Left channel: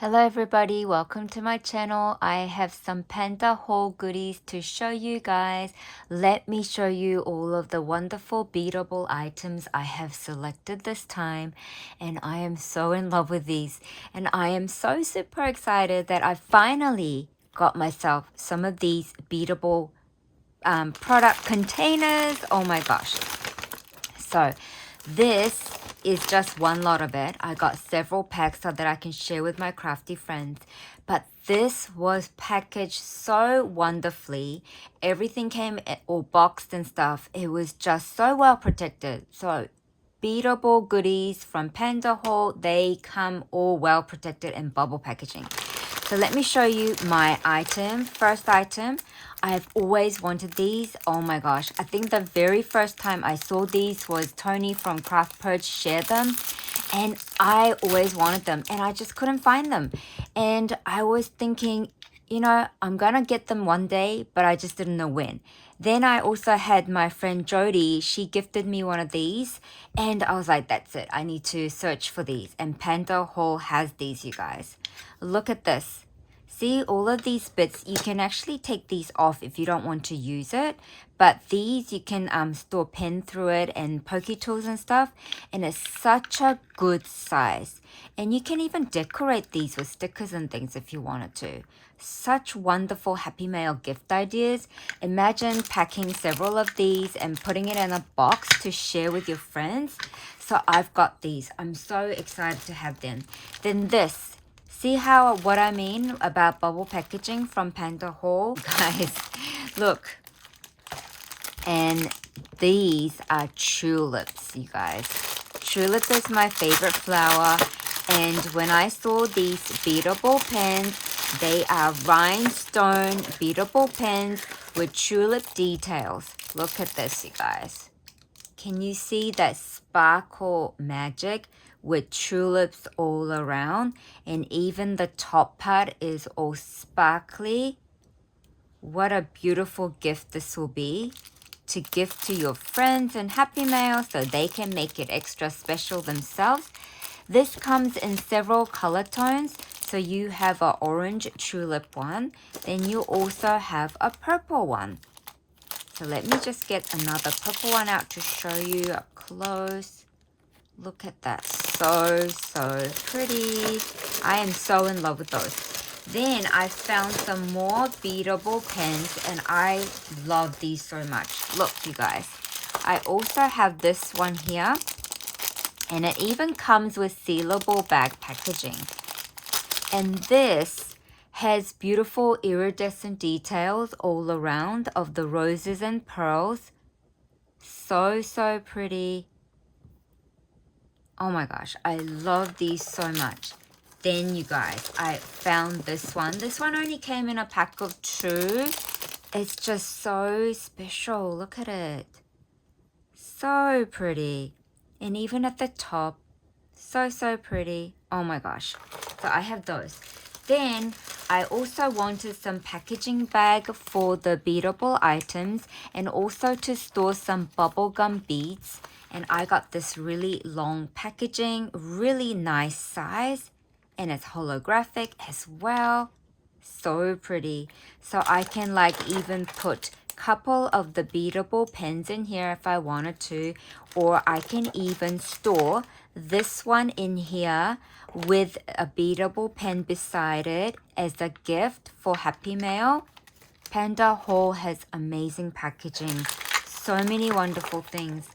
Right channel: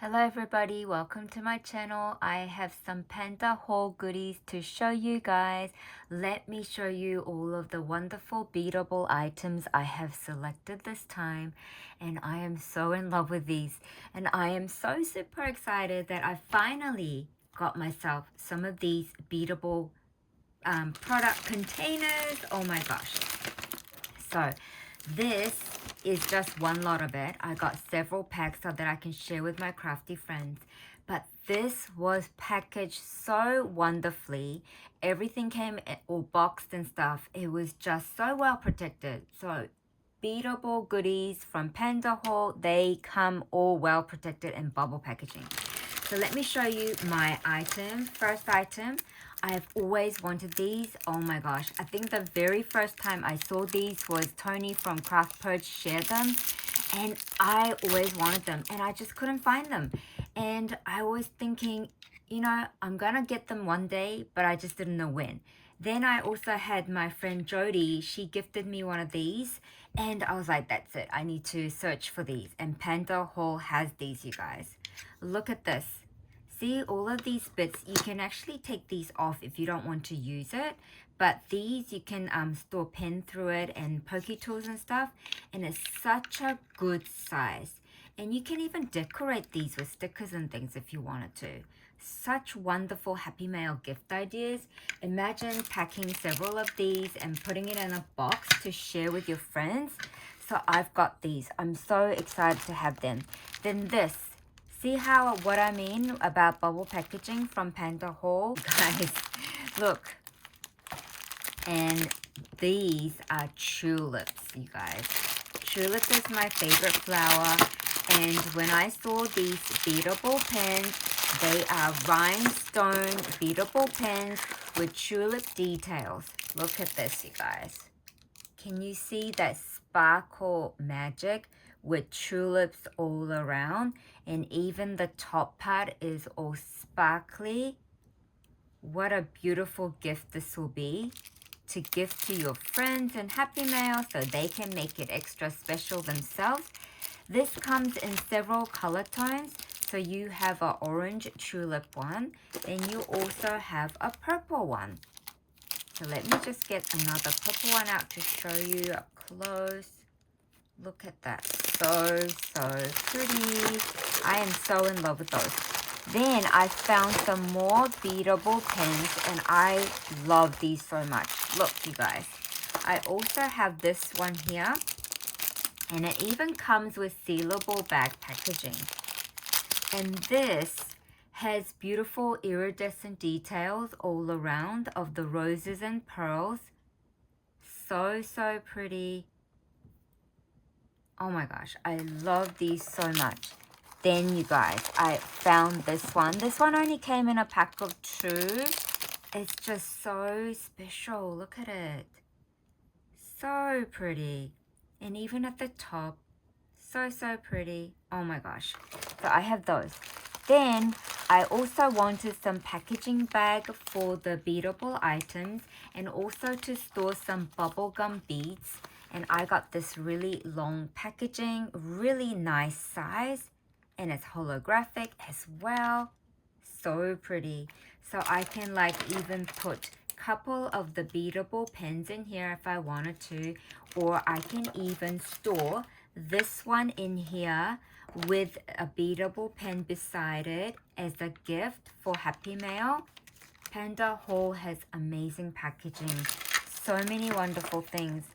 Hello everybody, welcome to my channel. I have some Pandahall goodies to show you guys. Let me show you all of the wonderful beadable items I have selected this time, and I am so in love with these, and I am so super excited that I finally got myself some of these beadable product containers. Oh my gosh. So this is just one lot of it. I got several packs so that I can share with my crafty friends. But this was packaged so wonderfully. Everything came all boxed and stuff. It was just so well protected. So beadable goodies from Pandahall, they come all well protected in bubble packaging. So let me show you my item. First item, I've always wanted these. Oh my gosh, I think the very first time I saw these was Tony from Craft Purge shared them, and I always wanted them and I just couldn't find them. And I was thinking, you know, I'm gonna get them one day, but I just didn't know when. Then I also had my friend Jody, she gifted me one of these, and I was like, that's it, I need to search for these. And Pandahall has these, you guys. Look at this. See, all of these bits, you can actually take these off if you don't want to use it. But these, you can store pen through it and pokey tools and stuff. And it's such a good size. And you can even decorate these with stickers and things if you wanted to. Such wonderful Happy Mail gift ideas. Imagine packing several of these and putting it in a box to share with your friends. So I've got these. I'm so excited to have them. Then this. See what I mean about bubble packaging from Pandahall? Guys, look. And these are tulips, you guys. Tulips is my favorite flower. And when I saw these beadable pens, they are rhinestone beadable pens with tulip details. Look at this, you guys. Can you see that sparkle magic with tulips all around? And even the top part is all sparkly. What a beautiful gift this will be to gift to your friends and Happy Mail so they can make it extra special themselves. This comes in several color tones. So you have an orange tulip one. Then you also have a purple one. So let me just get another purple one out to show you up close. Look at that. So pretty. I am so in love with those. Then I found some more beadable pens, and I love these so much. Look, you guys. I also have this one here, and it even comes with sealable bag packaging. And this has beautiful iridescent details all around of the roses and pearls. So pretty. Oh my gosh, I love these so much. Then you guys, I found this one. This one only came in a pack of 2. It's just so special. Look at it. So pretty. And even at the top, so pretty. Oh my gosh. So I have those. Then I also wanted some packaging bag for the beadable items and also to store some bubblegum beads. And I got this really long packaging, really nice size, and it's holographic as well. So pretty. So I can even put couple of the beadable pens in here if I wanted to, or I can even store this one in here with a beadable pen beside it as a gift for Happy Mail. Pandahall has amazing packaging. So many wonderful things.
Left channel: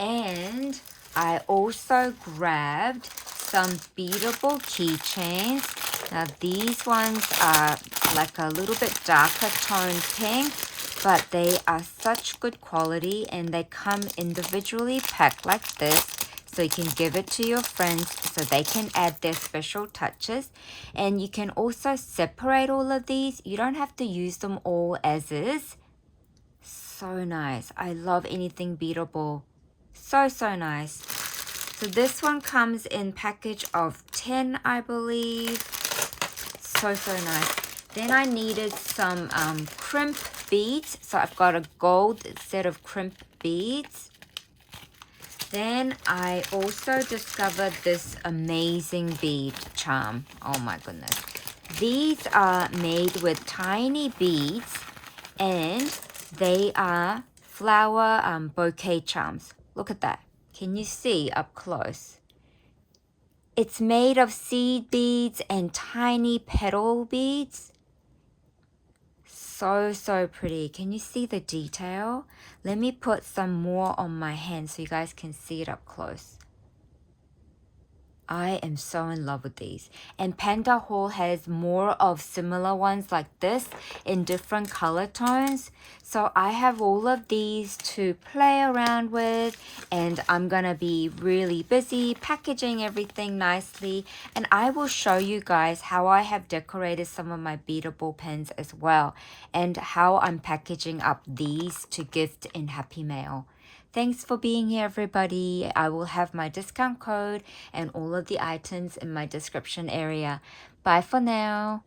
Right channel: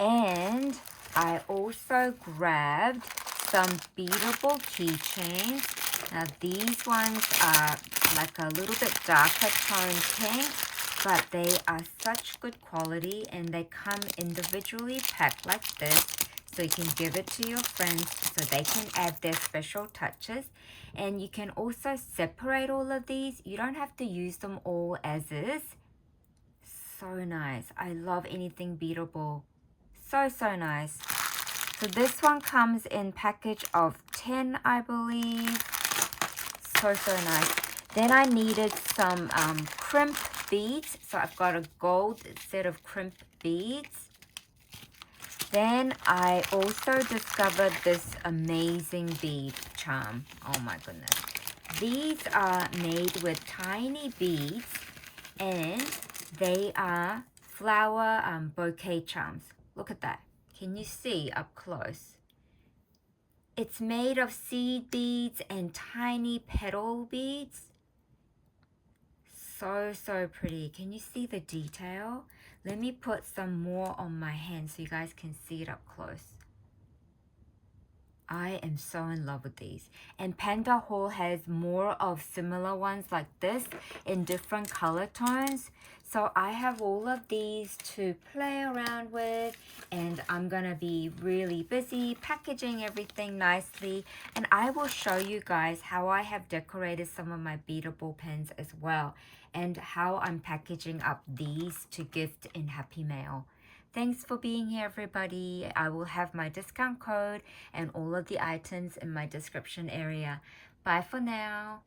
And I also grabbed some beadable keychains. Now these ones are like a little bit darker toned pink, but they are such good quality and they come individually packed like this. So you can give it to your friends so they can add their special touches. And you can also separate all of these. You don't have to use them all as is. So nice. I love anything beadable. So nice. So this one comes in package of 10, I believe. So nice. Then I needed some crimp beads. So I've got a gold set of crimp beads. Then I also discovered this amazing bead charm. Oh my goodness. These are made with tiny beads and they are flower bouquet charms. Look at that. Can you see up close? It's made of seed beads and tiny petal beads. So pretty. Can you see the detail? Let me put some more on my hand so you guys can see it up close. I am so in love with these. And Pandahall has more of similar ones like this in different color tones. So I have all of these to play around with, and I'm gonna be really busy packaging everything nicely. And I will show you guys how I have decorated some of my beadable pens as well, and how I'm packaging up these to gift in Happy Mail. Thanks for being here, everybody. I will have my discount code and all of the items in my description area. Bye for now.